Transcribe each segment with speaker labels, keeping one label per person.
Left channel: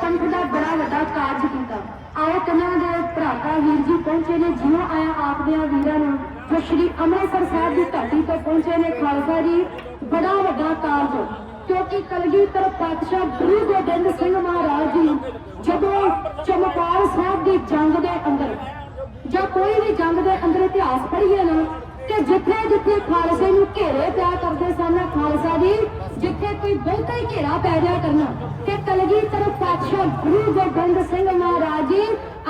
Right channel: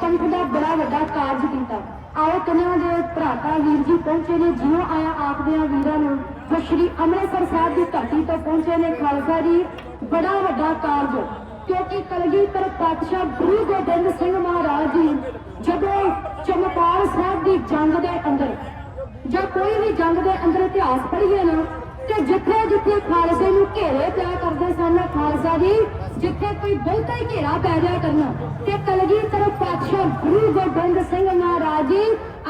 Speaker 1: ਪੰਥ ਦਾ ਬੜਾ ਵੱਡਾ ਕਾਰਜ ਕੀਤਾ। ਆਓ ਕਨਾਂ ਦੇ ਭਰਾਤਾ ਵੀਰ ਜੀ ਪਹੁੰਚੇ ਨੇ ਜਿਉਂ ਆਇਆ ਆਪਦਿਆਂ ਵੀਰਾਂ ਨੂੰ। ਜੋ ਸ਼੍ਰੀ ਅੰਮ੍ਰਿਤਸਰ ਸਾਹਿਬ ਦੀ ਧਰਤੀ ਤੋਂ ਪਹੁੰਚੇ ਨੇ, ਖਾਲਸਾ ਜੀ, ਬੜਾ ਵੱਡਾ ਕਾਰਜ। ਕਿਉਂਕਿ ਕਲਗੀਧਰ ਪਾਤਸ਼ਾਹ ਗੁਰੂ ਗੋਬਿੰਦ ਸਿੰਘ ਮਹਾਰਾਜ ਜੀ, ਜਦੋਂ ਚਮਕੌਰ ਸਾਹਿਬ ਦੀ ਜੰਗ ਦੇ ਅੰਦਰ, ਜਾਂ ਕੋਈ ਵੀ ਜੰਗ ਦੇ ਅੰਦਰ ਇਤਿਹਾਸ ਪੜ੍ਹੀਏ ਨਾ, ਤੇ ਜਿੱਥੇ ਜਿੱਥੇ ਖਾਲਸੇ ਨੂੰ ਘੇਰੇ ਪਿਆ ਕਰਦੇ ਸਨ, ਖਾਲਸਾ ਜੀ, ਜਿੱਥੇ ਕੋਈ ਬਹੁਤਾ ਹੀ ਘੇਰਾ ਪੈ ਜਾ ਕਰਨਾ ਕਲਗੀਧਰ ਪਾਤਸ਼ਾਹ ਗੁਰੂ ਗੋਬਿੰਦ ਸਿੰਘ ਮਹਾਰਾਜ ਜੀ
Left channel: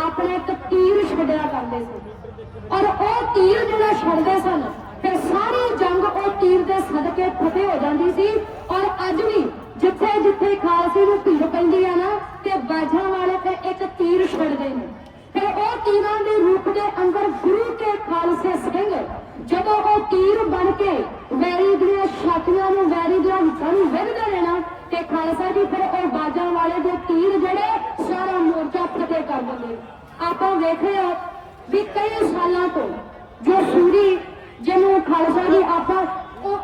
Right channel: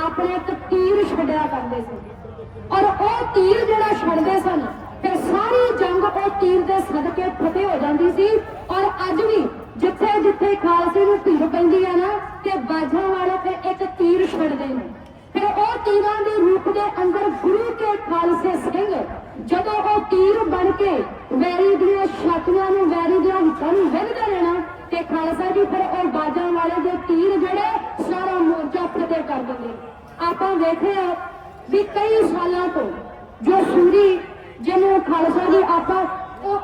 Speaker 1: ਆਪਣੇ ਇੱਕ ਤੀਰ ਛੱਡਿਆ ਕਰਦੇ ਸੀ। ਔਰ ਉਹ ਤੀਰ ਜਿਹੜਾ ਛੱਡਦੇ ਸਨ, ਫਿਰ ਸਾਰੀ ਜੰਗ ਉਹ ਤੀਰ ਦੇ ਸਦਕੇ ਫਤਿਹ ਹੋ ਜਾਂਦੀ ਸੀ। ਔਰ ਅੱਜ ਵੀ ਜਿੱਥੇ ਜਿੱਥੇ ਖਾਲਸੇ ਨੂੰ ਭੀੜ ਪੈਂਦੀ ਹੈ ਨਾ, ਤੇ ਬਾਝਾਂ ਵਾਲੇ ਫਿਰ ਇੱਕ ਤੀਰ ਛੱਡਦੇ ਨੇ। ਫਿਰ ਉਹ ਤੀਰਾਂ ਦੇ ਰੂਪ ਦੇ ਅੰਦਰ ਗੁਰੂ ਕੇ ਖਾਲਸੇ ਸਿੰਘ ਜਦੋਂ ਉਹ ਤੀਰ ਬਣ ਕੇ ਵੈਰੀ ਦੀਆਂ ਛਾਤੀਆਂ ਨੂੰ ਵੈਰੀ ਦੀਆਂ ਹਿੱਤਾਂ ਨੂੰ ਵਿੰਨਦੇ ਰਹਿਣਾ ਤੇ ਖਾਲਸਾ ਜੀ ਫਿਰ ਉਹ ਬਾਜਾਂ ਵਾਲੇ ਦੇ ਤੀਰ ਜਿਹੜੇ ਸਾਰਾ ਮੋਰਚਾ ਫਤਿਹ ਕਰ ਦਿੰਦੇ ਆਪਾਂ ਵੇਖਿਆ ਵੀ ਕਈ ਸਾਲਾਂ ਤੋਂ ਜੋ ਸੂਰੀ ਜਿਹਨੂੰ ਖਾਲਸਾ ਜੀ ਆਪਾਂ ਉਹ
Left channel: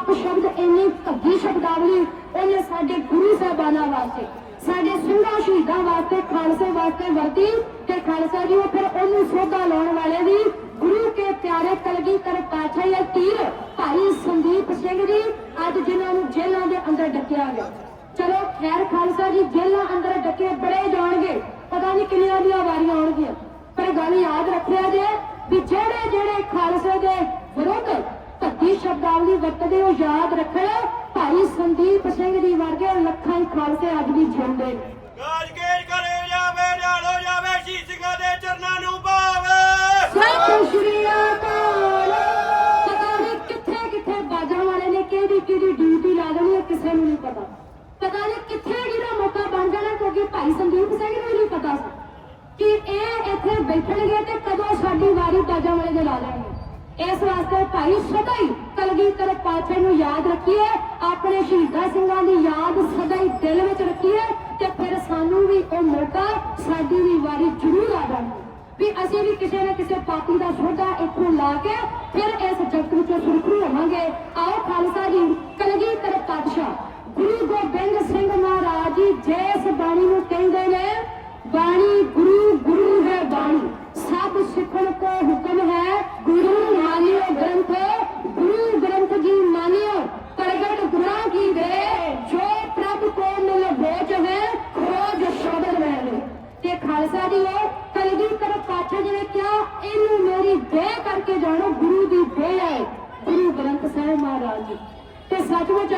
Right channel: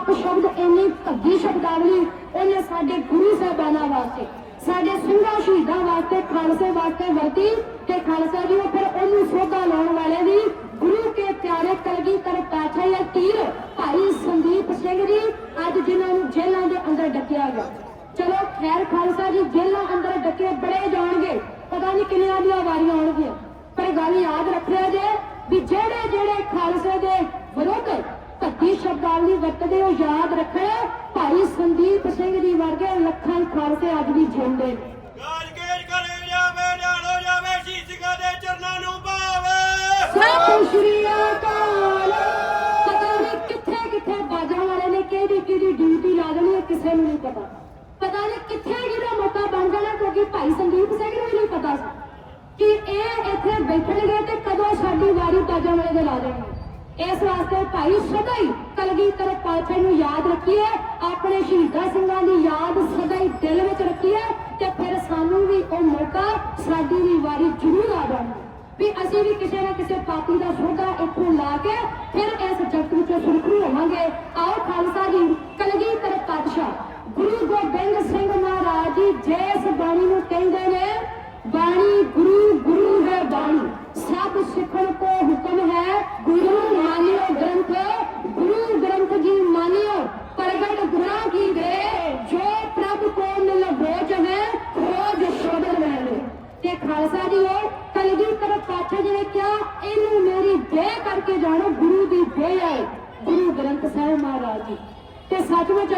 Speaker 1: ਇੰਨੀ ਸ਼ਬਦ ਇੰਨੀ ਭੱਗੀ ਸ਼ਬਦਾਵਲੀ ਉਹਨੇ ਸਾਡੇ ਗੁਰੂ ਸਾਹਿਬਾਨਾਂ ਵਾਸਤੇ, ਸਾਡੇ ਸਿੰਘਾਂ ਸ਼ਹੀਦਾਂ ਵਾਸਤੇ, ਖਾਲਸੇ ਵਾਸਤੇ ਵਰਤੀ ਤੇ ਖਾਲਸਾ ਜੀ ਉਹ ਫਿਰ ਉਹਨੂੰ ਸੋਧਾ ਲਾਉਣ ਵਾਲੇ ਦੀ ਗੁਰੂ ਕੇ ਪਿਆਰੇ ਕਲਗੀ ਕਰ ਪਾਛਾ ਇਹ ਤੀਰ ਭਾਈ ਸੰਦੀਪ ਸਿੰਘ ਜੀ ਅੱਜ ਜਿਨ੍ਹਾਂ ਨੂੰ ਜੇਲ੍ਹਾਂ ਦੇ ਅੰਦਰ ਡੱਕਿਆ ਗਿਆ। ਚਲੋ ਖੈਰ ਖਾਲਸਾ ਜੀ, ਜੇਲ੍ਹਾਂ ਅੰਦਰ ਡੱਕੇ ਬੜੇ ਜਾਣ ਡਿਊਟੀ ਕਿਸੇ ਨੂੰ ਨਹੀਂ ਪਤਾ। ਪਤਾ ਨਹੀਂ ਕਿੱਥੇ ਕਿਹਦਾ ਮੌਕਾ ਬਣ ਜਾਣਾ, ਕਿਉਂਕਿ ਭਾਈ ਸੰਦੀਪ ਸਿੰਘ ਨੂੰ ਨਹੀਂ ਪਤਾ ਕਿ ਇਹ ਇੱਥੇ ਬੈਠਣਗੇ ਤੇ ਕਦੋਂ ਸਾਡੀ ਵਾਰੀ ਬਾਜਾਂ ਵਾਲੇ ਦੇ ਲਾ ਦੇਣਗੇ ਇਸ ਵਾਸਤੇ ਭਾਈ ਸਦਾ ਹੀ ਕਲਗੀਧਰ ਪਾਤਸ਼ਾਹ ਨੂੰ ਯਾਦ ਰੱਖੀਏ, ਆਪਣੇ ਸ਼ਹੀਦਾਂ ਸਿੰਘਾਂ ਦੀ ਯਾਦ ਸਦਾ ਹੀ ਦਿਲ ਵਿੱਚ ਰੱਖੀਏ ਤੇ ਫਿਰ ਸਾਨੂੰ ਵੀ ਉਹ ਮੌਕਾ, ਸਾਡੀ ਵੀ ਵਾਰੀ ਜ਼ਰੂਰ ਆ ਜਾਣਾ ਵੀ ਅਸੀਂ ਵੀ ਕਿਸੇ ਨਾ ਕਿਸੇ ਪਾਪੀ ਦਾ ਸੋਧਾ ਇੱਥੋਂ ਲਾ ਕੇ ਫਿਰ ਇਸ ਜਗਤ ਵਿੱਚੋਂ ਸੁਰਖਰੂ ਹੋਵਾਂਗੇ। ਆਓ ਖਾਲਸਾ ਜੀ, ਕਲਗੀਧਰ ਪਾਤਸ਼ਾਹ, ਗੁਰੂ ਗੋਬਿੰਦ ਸਿੰਘ ਮਹਾਰਾਜ ਜੀ ਜਿਸ ਬਾਣੀ ਨੂੰ ਕਹਿੰਦੇ ਨੇ, ਬਾਣੀ ਗੁਰੂ ਗੁਰੂ ਹੈ ਬਾਣੀ, ਸਭ ਸਿੱਖਣ ਕੋ ਹੁਕਮ ਹੈ ਗੁਰੂ ਮਾਨਿਓ ਗ੍ਰੰਥ ਗੁਰੂ ਗ੍ਰੰਥ ਜੀ ਮਾਨਿਓ ਪ੍ਰਗਟ ਗੁਰਾਂ ਕੀ ਦੇ ਜੋ ਪ੍ਰਭ ਕੋ ਮਿਲ ਭੋਜ ਹੈ ਖੋਜ ਸ਼ਬਦ ਮੈਂ ਤੇ ਖਾਲਸਾ ਜੀ ਉਹ ਕਲਗੀਧਰ ਪਾਤਸ਼ਾਹ ਜੀ ਨੇ ਕਿਹਾ ਇਹਨੂੰ ਮੇਰੀ ਦੇਹ ਕਰਕੇ ਜਾਣੋ ਗੁਰੂ ਦੀ ਦੇਹ ਹੈ ਗੁਰੂ ਗ੍ਰੰਥ ਸਾਹਿਬ ਮਹਾਰਾਜ ਜੀ ਤੇ ਸੱਚਮੁੱਚ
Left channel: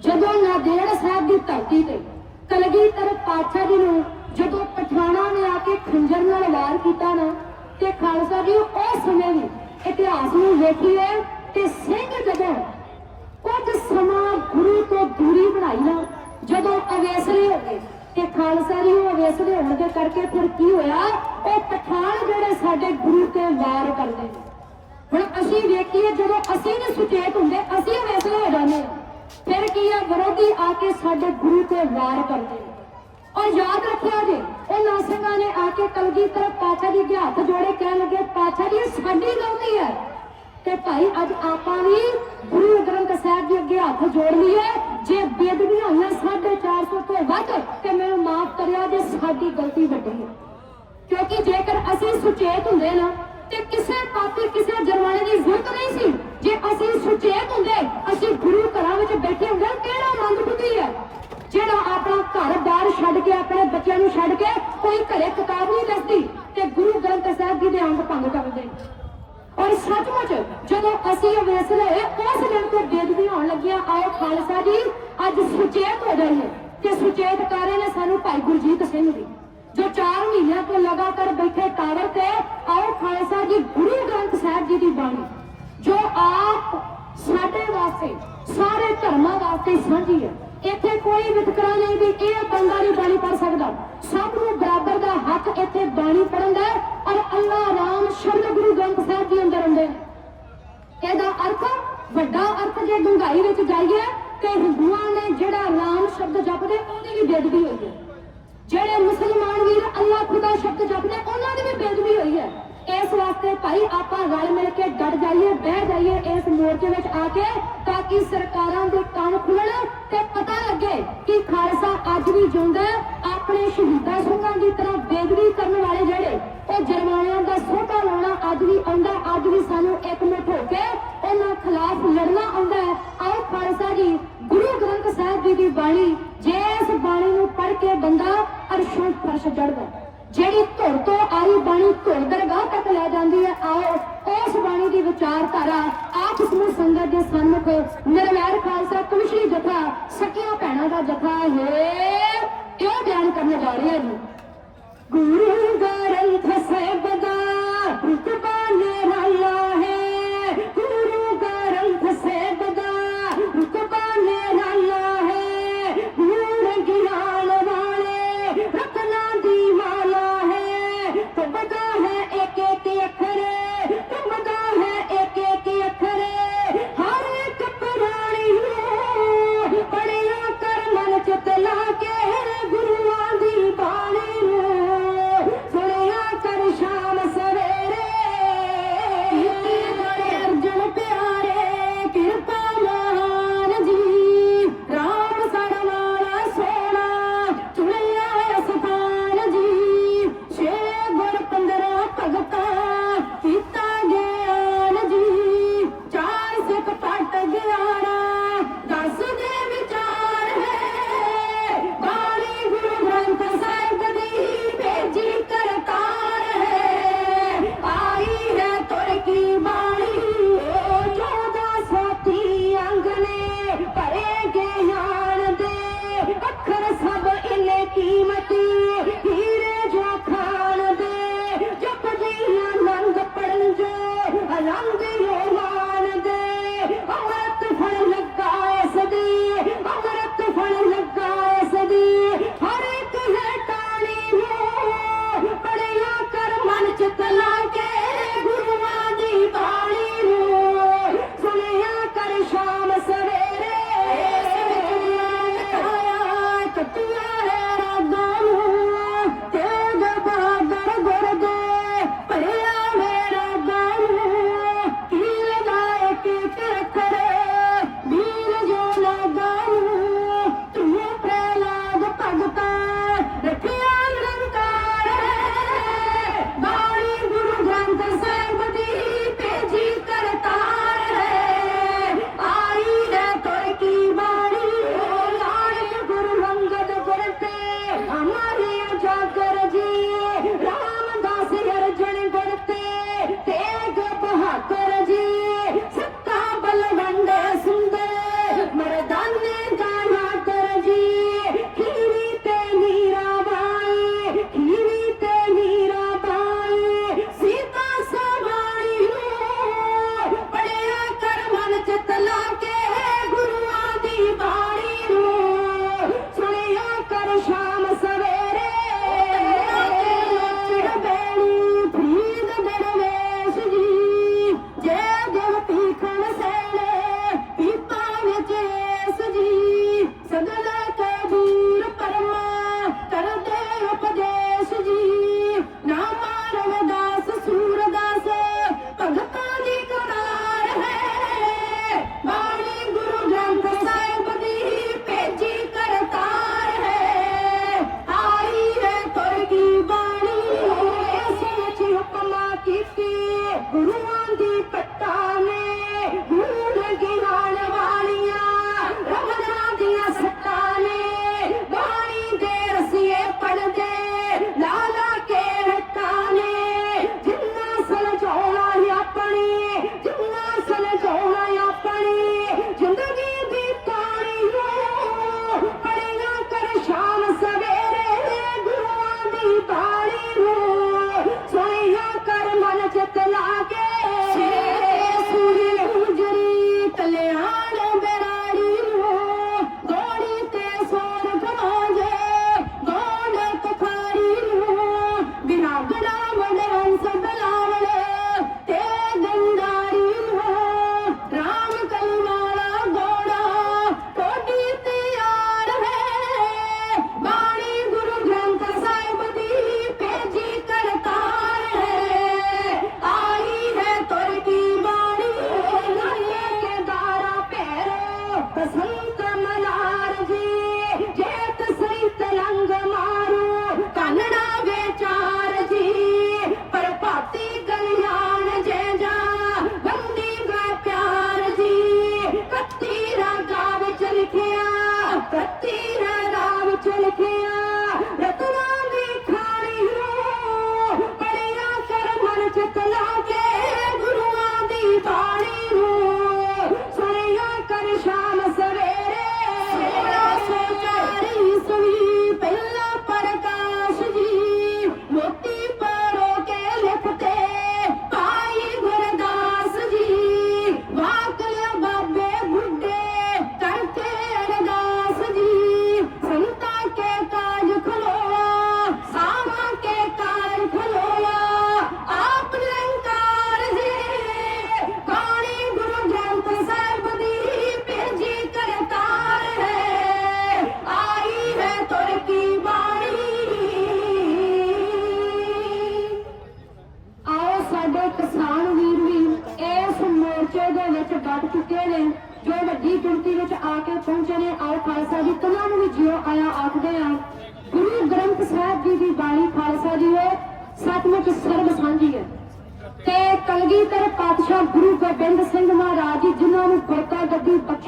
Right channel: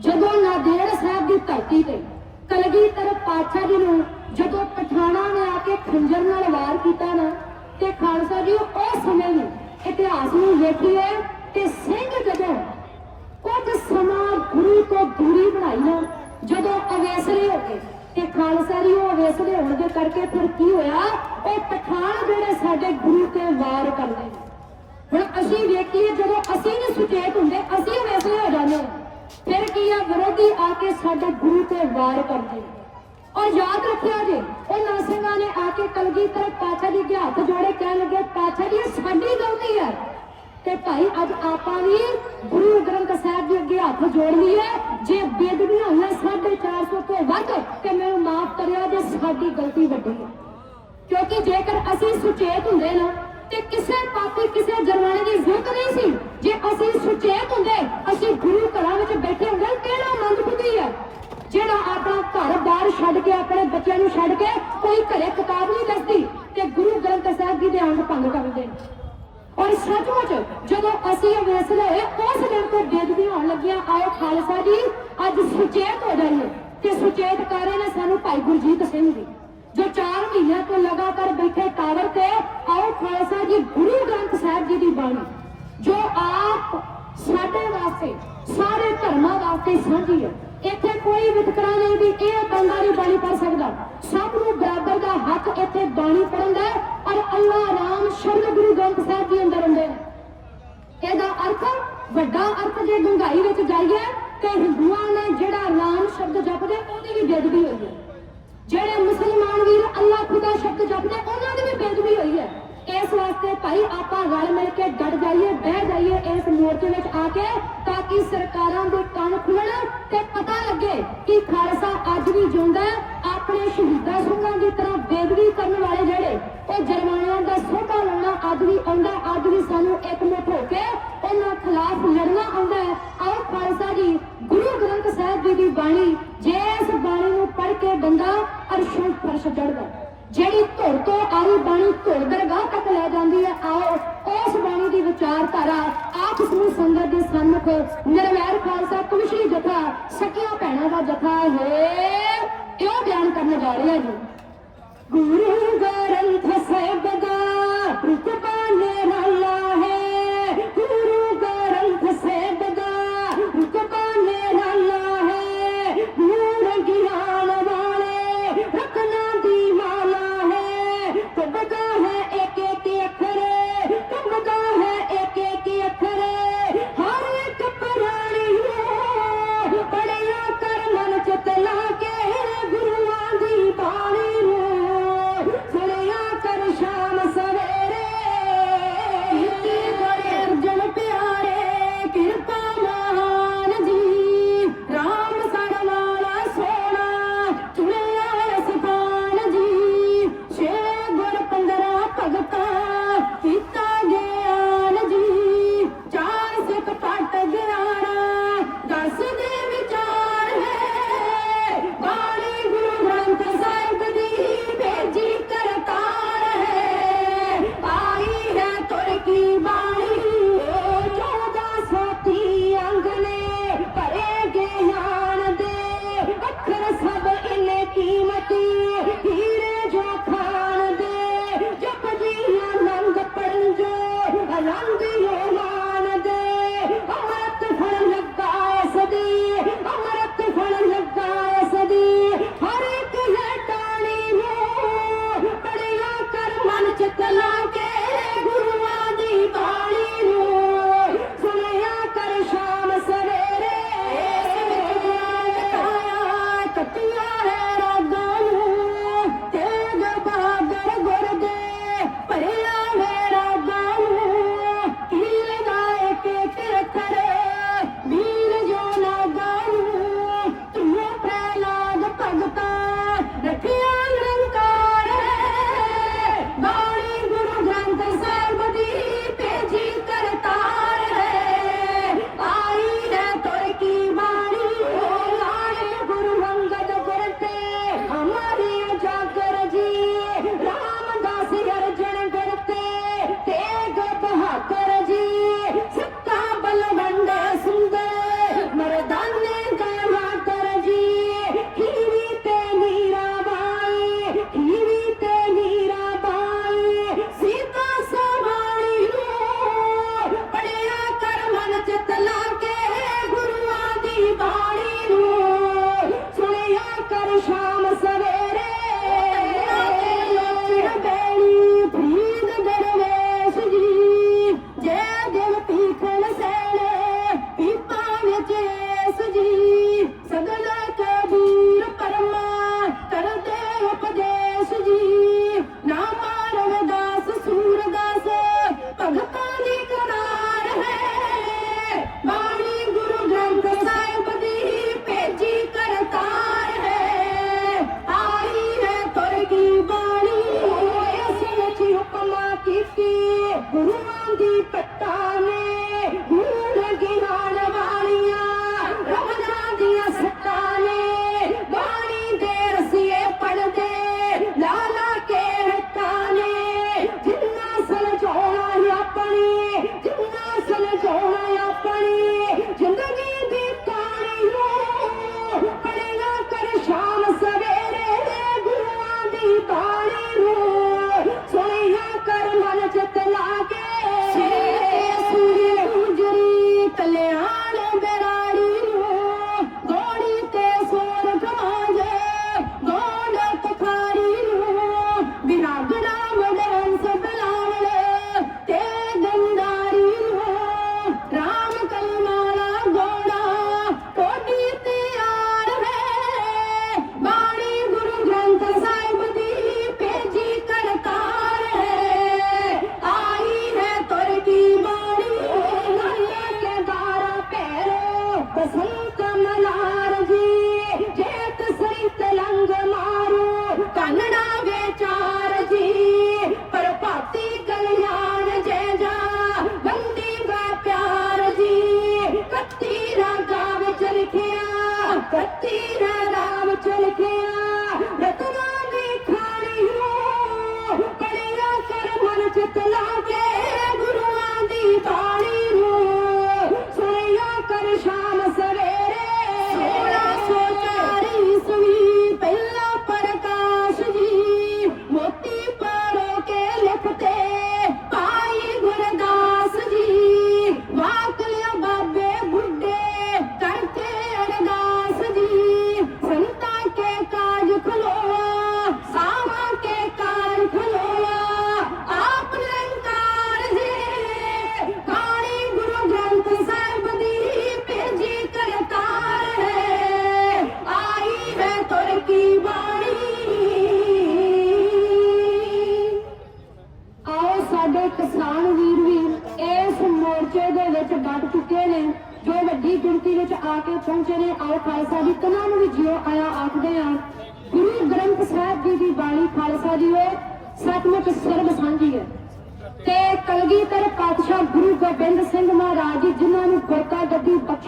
Speaker 1: ਜਦੋਂ ਨਾਦੇੜ ਸਾਹਿਬ ਦੀ ਧਰਤੀ ਤੇ ਕਲਗੀਧਰ ਪਾਤਸ਼ਾਹ ਜੀ ਨੂੰ ਜਦੋਂ ਪਠਾਣਾ ਨੇ ਆ ਕੇ ਖੰਜਰ ਨਾਲ ਵਾਰ ਕੀਤਾ ਨਾ ਤੇ ਖਾਲਸਾ ਜੀ ਉਹ ਸਮੇਂ ਨੂੰ ਇਤਿਹਾਸ ਨੂੰ ਵੇਖੀਏ ਤੇ ਸਿੰਘ ਜਦੋਂ ਕੁਝ ਸਮਾਂ ਗੁਰੂ ਤੋਂ ਦੂਰੀ ਬਣਾਈ ਨਾ, ਜਦੋਂ ਅਵੇਸਲੇ ਹੋ ਗਏ ਤੇ ਖਾਲਸਾ ਜੀ ਉਹ ਅਵੇਸਲੇ ਹੋਣ ਦੇ ਕਰਕੇ ਫਿਰ ਕੀ ਹੋਇਆ? ਉਹ ਪਠਾਨ ਜਿਹੜੇ ਸਾਡੇ ਗੁਰੂ ਤੇ ਵਾਰ ਕਰਦੇ ਹੁਣ ਅਸੀਂ ਵੇਖੀਏ, ਜਦੋਂ ਅਸੀਂ ਨਹੀਂ ਸੁਚੇਤ ਹੁੰਦੇ, ਅਸੀਂ ਵੈਸੇ ਹੋ ਜਾਂਦੇ ਹਾਂ। ਫਿਰ ਕੀ ਆ? ਵਿਰੋਧੀ ਆ ਕੇ ਸਾਡੇ ਗੁਰੂ ਤੇ ਵਾਰ ਕਰਦੇ ਇਹ ਸਾਡੀ ਹੈ ਤੇ ਭਾਈ ਅੱਜ ਆਪਾਂ ਵੀ ਗੁਰੂ ਗ੍ਰੰਥ ਸਾਹਿਬ ਦੇ ਅੱਗੇ ਹੱਥ ਜੋੜ ਲਈਏ। ਜੇ ਬੇਦਬੀਆਂ ਹੋਈਆਂ 450 ਤੋਂ ਵੱਧ, ਤੇ ਮੈਨੂੰ ਮਾਫ ਕਰਿਆ ਜੇ ਸਾਡੀ ਗਲਤੀ ਵੱਡੀ ਹੈ। ਕਿਉਂਕਿ ਜੇਕਰ ਅਸੀਂ ਸੁਚੇਤ ਹੁੰਦੇ ਨਾ, ਤੇ ਕਿਸੇ ਪਾਪੀ, ਕਿਸੇ ਜਰਵਾਣੇ ਦੀ ਜ਼ਰੂਰਤ ਨਹੀਂ ਸੀ। ਜੇ ਅਸੀਂ ਸੁਚੇਤ ਹੁੰਦੇ, ਅਸੀਂ ਗੁਰੂ ਘਰਾਂ ਵਿੱਚ ਬੈਠੇ ਹੁੰਦੇ ਕਿਹੜਾ ਮੰਦ ਬੁੱਧੀ ਹੈ? ਜਿਹੜਾ ਆਪਣਾ ਘਰ ਬਾਹਰ ਛੱਡ ਕੇ, ਆਪਣੇ ਬੱਚਿਆਂ ਨੂੰ ਛੱਡ ਕੇ ਕੋਈ ਘਰੇ ਕਿਤਾਬ ਨਹੀਂ ਦੱਸਦੀ ਤੇ ਗੁਰੂ ਗ੍ਰੰਥ ਸਾਹਿਬ ਜੀ ਦੇ ਅੰਗ ਭੰਗ ਕਰਦੇ ਨੇ ਔਰ ਸੱਚਮੁੱਚ ਜਦੋਂ ਅਸੀਂ ਅਵੇਸਲੇ ਹੋਏ ਉਸ ਦਿਨ ਤੋਂ ਬੇਦਬੀ ਹੋਣ ਲੱਗਿਆ, ਆਓ ਖਾਲਸਾ ਜੀ, ਅੱਜ ਸੁਚੇਤ ਹੋ ਜਾਈਏ। ਤੇ ਸੁਚੇਤ ਕਰ ਰਹੇ ਨੇ ਸਾਨੂੰ ਭਾਈ ਗੁਰਜੀਤ ਸਿੰਘ ਜੀ, ਜੋ 4 ਮਹੀਨਿਆਂ ਤੋਂ ਲਗਾਤਾਰ ਬੈਠੇ ਟਾਵਰ ਤੇ, ਆਓ ਖਾਲਸਾ ਜੀ, ਗੁਰੂ ਗ੍ਰੰਥ ਸਾਹਿਬ ਜੀ ਦੀ ਬਾਣੀ, ਜੋ ਆਪ ਸਾਡੇ ਵਾਸਤੇ, ਸਾਰੇ ਧਰਮਾਂ ਵਾਸਤੇ ਸਾਂਝੀ ਹੈ। ਇੱਥੇ ਕੋਈ ਵਿਤਕਰਾ ਨਹੀਂ ਵੀ ਇਹ ਬੰਦਾ ਨਹੀਂ ਬਾਣੀ ਪੜ ਸਕਦਾ। ਸਭ ਨੂੰ ਬਰਾਬਰ ਦਾ ਹੱਕ ਇੱਥੇ ਬਾਣੀ ਪੜਨ ਦਾ ਹੈ ਰਾਮ ਸ਼ਬਦ ਗੁਰੂ ਗ੍ਰੰਥ ਸਾਹਿਬ ਜੀ ਅੰਦਰ ਹੁੰਦੇ ਨੇ ਇਹਦਾ ਅਰਥ ਵੱਡਾ ਅਰਥ ਜੇ ਡੂੰਘਾਈ ਵਿੱਚ ਜਾਈਏ ਤੇ ਹਿੰਦੂਆਂ ਨੇ ਜਿਹੜਾ ਨਾਮ ਸ਼ਬਦ ਜਪਦੇ ਉਹਦੀ ਵੀ ਬੇਦਬੀ ਹੋਈ ਹੈ ਜਿਹੜੇ ਮੁਸਲਮਾਨ ਵੀਰ ਅੱਲਾਹ ਖੁਦਾ ਸ਼ਬਦ ਜਪਦੇ ਉਹਨਾਂ ਦੀ ਵੀ ਬੇਦਬੀ ਹੋਈ ਹੈ ਇਸ ਵਾਸਤੇ ਭਾਈ ਆਪਾਂ ਰਲ ਮਿਲ ਕੇ ਡਟ ਜਾਈਏ ਬਹਿ ਜਾਈਏ ਇਸ ਮੋਰਚੇ ਵਿੱਚ ਆ ਕੇ ਤਾਂ ਕਿ ਸਰਕਾਰਾਂ ਦੇ ਕੰਨ ਖੁੱਲਣ ਤੇ ਪਤਾ ਲੱਗੇ ਕਿ ਖਾਲਸਾ ਅੱਜ ਵੀ ਜਿਉਂਦਾ ਹੈ ਬਾਣੀ ਜੇ ਇਸ ਬਾਣੀ ਨੂੰ ਪੜ੍ਹ ਕੇ ਬੰਦਾ ਅਰਸ਼ੋਂ ਫਰਸ਼ ਚੜਦਾ ਜਿਹੜੀ ਧੁਰ ਤੋਂ ਆਈ ਬਾਣੀ ਧੁਰ ਦਰਗਾਹ ਤੱਕ ਲੈ ਜਾਂਦੀ ਹੈ ਆਓ ਉਸ ਬਾਣੀ ਦੀ ਵਿਚਾਰਧਾਰਾ ਆਪ ਸਮੂਹ ਸੰਗਤ ਦੇ ਸਨਮੁਖ ਨਿਰਵੈਰ ਖਾਲਸਾ ਕਮਿਸ਼ਨਰੀ ਜਥਾ ਸਕੀਆਂ ਭੈਣਾਂ ਦਾ ਕਿਉਂ ਬਿਆਨ ਕਰਨ ਜਾ ਰਹੇ ਹਾਂ ਜੀ ਗੁਰੂ ਗ੍ਰੰਥ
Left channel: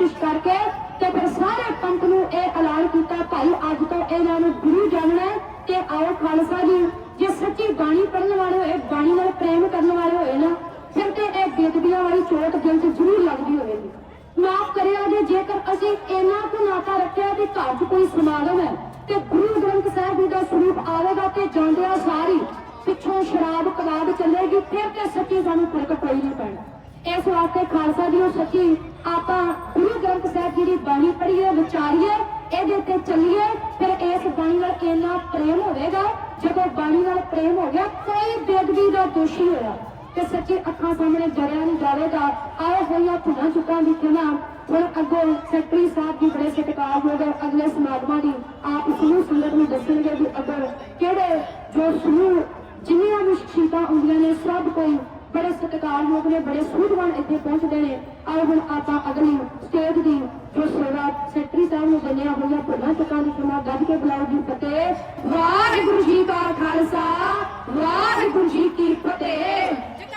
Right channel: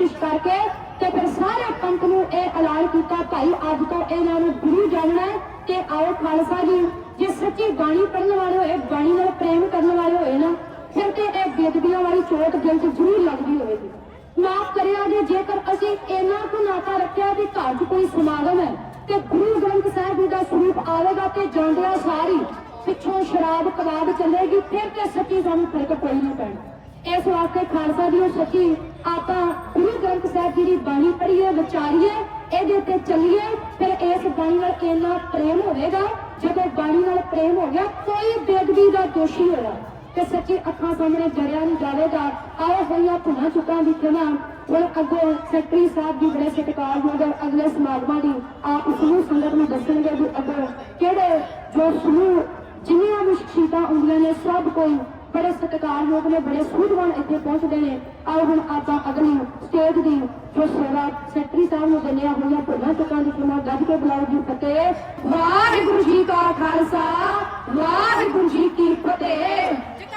Speaker 1: ਗੱਦੀ ਕਰਕੇ ਤੇ ਫਿਰ ਸਾਰੇ ਪੰਥ ਨੂੰ ਇਹ ਐਲਾਨ ਕੀਤਾ, ਭਾਈ ਅੱਜ ਤੋਂ ਇਹਨਾਂ ਨੂੰ ਗੁਰੂ ਜਾਣਨਾ ਤੇ ਆਓ ਖਾਲਸਾ ਜੀ, ਜੇ ਸੱਚੀ ਬਾਣੀ ਪੜ੍ਹਨ ਵਾਲੇ ਹੋਏ, ਬਾਣੀ ਨਾਲ ਪ੍ਰੇਮ ਕਰਨ ਵਾਲੇ ਹੋਏ ਨਾ, ਫਿਰ ਤੇ ਇਹ ਬੇਦਬੀਆਂ ਵਾਲੀ ਚੋਟ ਦਿਲ 'ਚ ਜ਼ਰੂਰ ਲੱਗਦੀ ਹੋਵੇਗੀ। ਮਾਫ ਕਰਿਆ ਜੇ ਜੇਕਰ ਅਸੀਂ ਇਹਨਾਂ ਕੋ ਨਾਤਾ ਰੱਖਿਆ ਤੇ ਘਰ 'ਚ ਕੋਈ ਸਮਾਗਮ ਹੈ ਤੇ ਗੁਰੂ ਗ੍ਰੰਥ ਸਾਹਿਬ ਜੀ ਦਾ ਸਰੂਪ ਆਵੇਗਾ ਤੇ ਜਾਂਦਿਆਂ ਸਾਰੀ ਪਿੱਛੋਂ ਸ਼ਰਾਬ ਕਬਾਬ ਚੱਲੇਗੀ, ਫਿਰ ਤੇ ਸੱਚੀ ਸਾਨੂੰ ਫ਼ਰਕ ਕੋਈ ਨਾ ਪੈਣਾ। ਇਸ ਵਾਸਤੇ ਖਾਲਸਾ ਜੀ ਉਹ ਸੱਚੀ ਆਪਾਂ ਗੁਰੂ ਗ੍ਰੰਥ ਸਾਹਿਬ ਜੀ ਦੀ ਬਾਣੀ ਪੜ੍ਹੀਏ, ਵਿਚਾਰੀਏ, ਇਹਦੇ ਤੇ ਚੱਲੀਏ, ਫਿਰ ਇਸ ਬਾਣੀ ਨਾਲ ਇੰਨਾ ਪ੍ਰੇਮ ਹੋਵੇਗਾ? ਜਦੋਂ ਬਾਣੀ ਨਾਲ ਪ੍ਰੇਮ ਹੋ ਗਿਆ, ਕੋਈ ਬੇਅਦਬੀ ਦਾ ਦੋਸ਼ੀ ਹੋਇਆ। ਤੇ ਸੱਚੀ ਅੱਖਾਂ ਸਾਹਮਣੇ ਜਰਿਆ ਨਹੀਂ ਜਾਵੇਗਾ। ਆਏ ਹੋਈਆਂ ਭੁਨਾ ਚੁੱਕਾਂ ਦੀ ਖਿਮਾ। ਹੁਣ ਅੱਗੋਂ ਸੈਕਟਰੀ ਸਾਹਿਬ ਦੀ ਬੜੇ ਸਤਿਕਾਰਯੋਗ ਹੈ ਅਗਲੇ ਸਮਾਗਮਾਂ ਦੀ ਆਪ ਸਮੂਹ ਨੂੰ ਦੱਸਣਗੇ ਵੀ ਅੱਗੋਂ ਕਿਹੜੇ ਜੋ ਸਮੂਹ ਜਿੰਨੀਆਂ ਵੀ ਸ਼ਖਸੀਅਤਾਂ ਹੁੰਦੀਆਂ ਨੇ ਸਭ ਕੋਈ ਬੜੇ ਸਤਿਕਾਰਯੋਗ ਨੇ ਬੜੇ ਸੂਝਵਾਨ ਇੱਥੇ ਪਹੁੰਚਦੇ ਨੇ। ਆਓ ਹੁਣ ਆਪਾਂ ਅਗਲੀ ਸਟੇਜ ਦੀ ਜੋ ਸੇਵਾ ਸੈਕਟਰੀ ਸਾਹਿਬ ਨੂੰ ਦਿੰਦੇ ਆ ਹੋਈਆਂ ਭੁਨਾ ਚੁੱਕਾਂ ਦੀ ਖਿਮਾ ਗੱਜ ਕੇ ਬੁਲਾਓ ਜੀ, ਫਤਿਹ।